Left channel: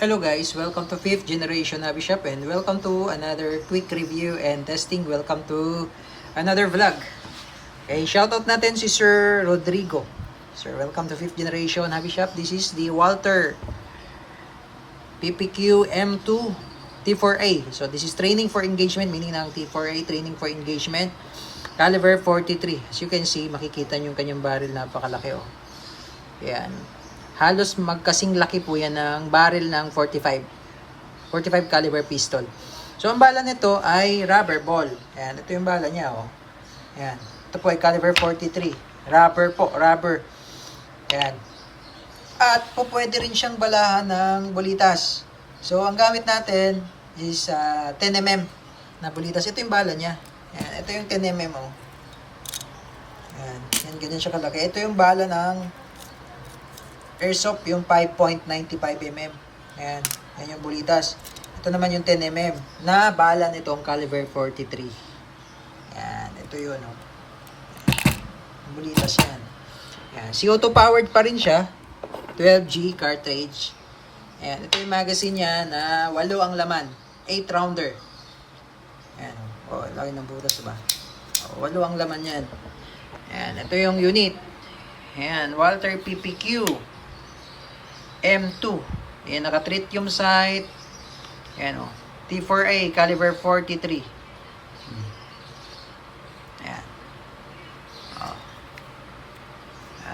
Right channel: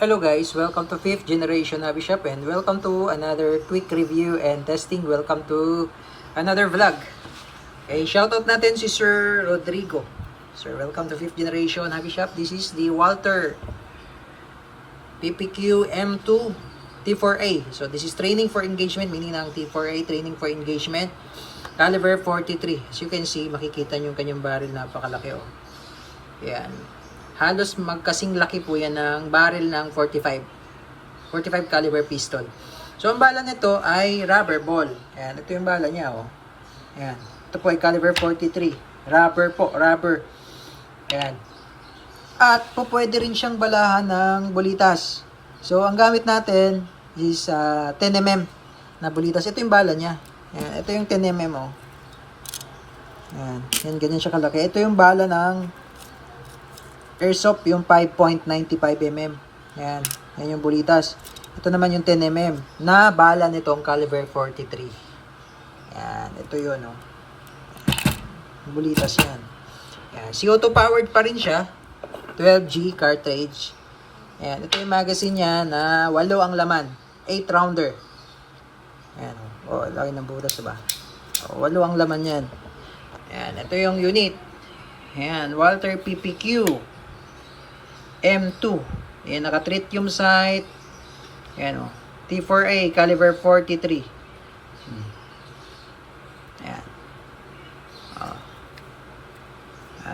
Hello guys, welcome to 5th generation Hobby Shop and welcome to another quick review and testing. Welcome to another vlog. Okay, shoutout natin si Sir Rodrigo. Sir, welcome to 5th generation Hobby Shop. This is the Walther PPQ M2 T4A. So this is training for engagement, meaning ng T4A, training for engagement. Caliber 43. As you can see, makikita nyo yung kanyang barrel, napakalaki oh. Yan. Halos magkasing laki po yan ng barrel ng 45 caliber pistol. So ang bala nito ay rubber ball. Ayan, ito yung bala niya oh. Ayan. Ito po ay caliber 43. Rubber po, rubber. Ayan. At po pwede rin siyang balahan ng bulitas. So ang gamit natin is 10mm na bulitas. Ito yung bala niya. Ayan, ito yung 10mm oh. Ayan, yan ganyan siya kalaki. Ito yung bala ng airsoft, yung 5.95mm. Ayan, yan yung bulitas. Ito naman yung 10mm na bala nitong caliber 43. Ayan, ito yun oh. Bulitas yan. Ayan, CO2 powered pa rin siya. 12G cartridge. Ayan, ito yung magazine niya na 8 ang laman. 8 rounder. Ayan, oh, laki ng butas ba? Oh, 8 ang laman yan. Ayan, ito yung unit. Ayan, Walther PPQ M2. Ayan, naka-tritium sight. Ayan o. T4A, caliber 43. Ayan.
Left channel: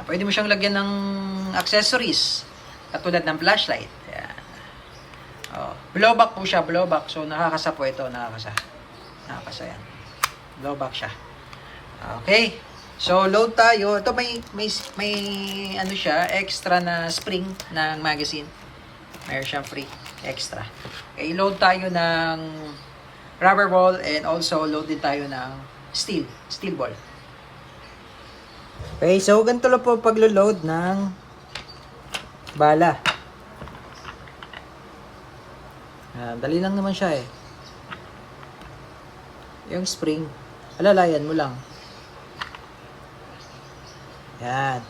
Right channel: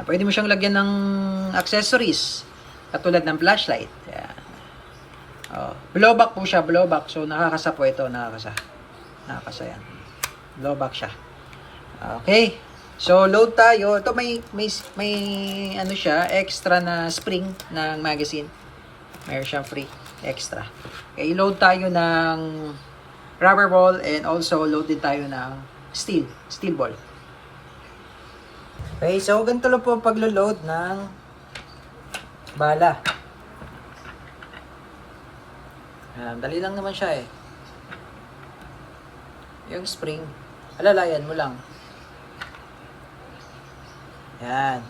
Pwede mo siyang lagyan ng accessories. Katulad ng flashlight. Ayan. Blowback po siya, blowback. So, nakakasa po ito, nakakasa. Nakakasa yan. Blowback siya. Okay. So, load tayo. Ito may ano siya, extra na spring ng magazine. Mayroon siyang free, extra. Okay, load tayo ng rubber ball and also load din tayo ng steel ball. Okay, so ganito lang po paglo-load ng bala. Dali lang naman siya eh. Yung spring, alalayan mo lang. Yan.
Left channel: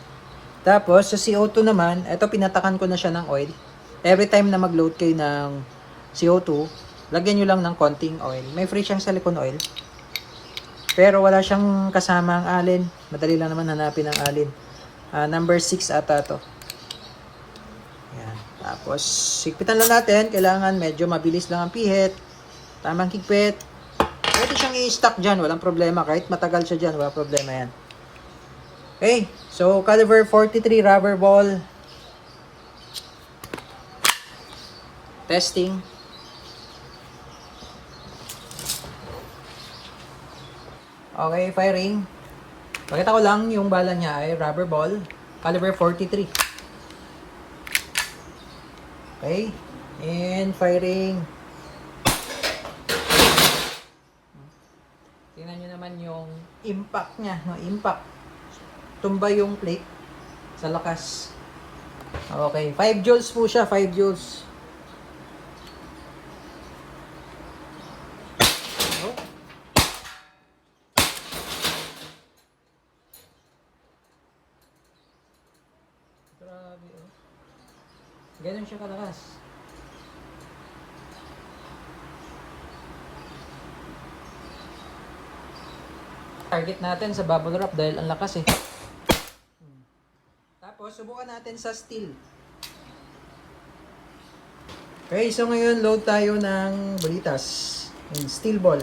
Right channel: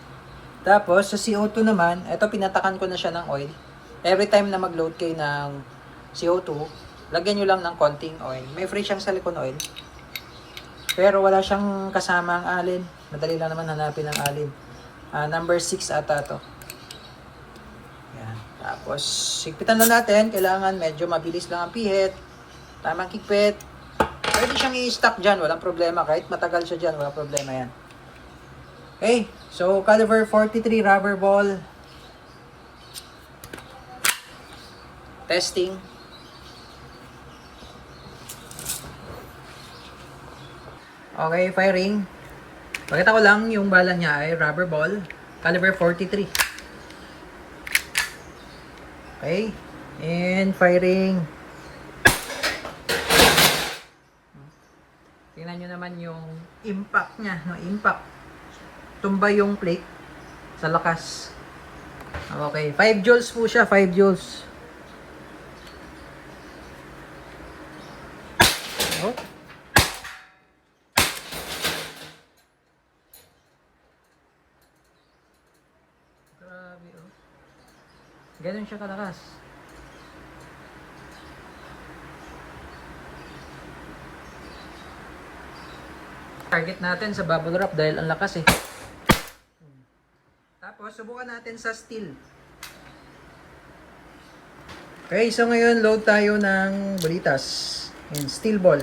Tapos, sa CO2 naman, ito pinatakan ko na siya ng oil. Every time na mag-load kayo ng CO2, lagyan nyo lang ng konting oil. May free siyang silicone oil. Pero wala siyang kasamang alin. Madali lang naman hanapin ang alin. Number 6 ata to. Yan. Tapos, higpitan lang natin. Kailangan medyo mabilis lang ang pihit. Tamang higpit. Pwede siyang i-stock dyan. Walang problema. Kahit matagal siya dyan, walang problema yan. Okay, so caliber 43 rubber ball. Testing. Okay, firing. Pakita ko lang yung bala niya ay rubber ball, caliber 43. Okay, and firing. Tingnan nyo naman yung impact niya, no? Impact. Tumba yung plate sa lakas. Okay, 5 joules po siya, 5 joules. Oh. Grabe oh. Ganun siya kalakas. Target natin sa bubble wrap dahil ang lakas eh. Tapos, subukan natin sa steel. Okay, so ngayon load tayo ng bulitas. Yung steel ball.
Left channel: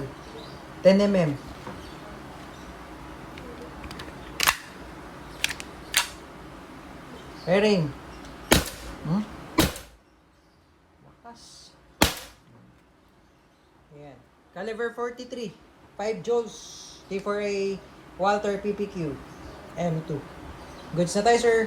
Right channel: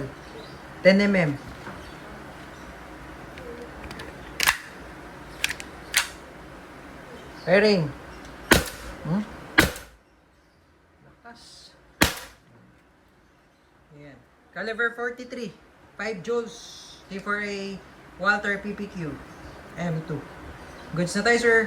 10mm. Firing. Lakas. Ayan. Caliber 43. 5 joules. T4A Walther PPQ M2. Goods na tayo, sir.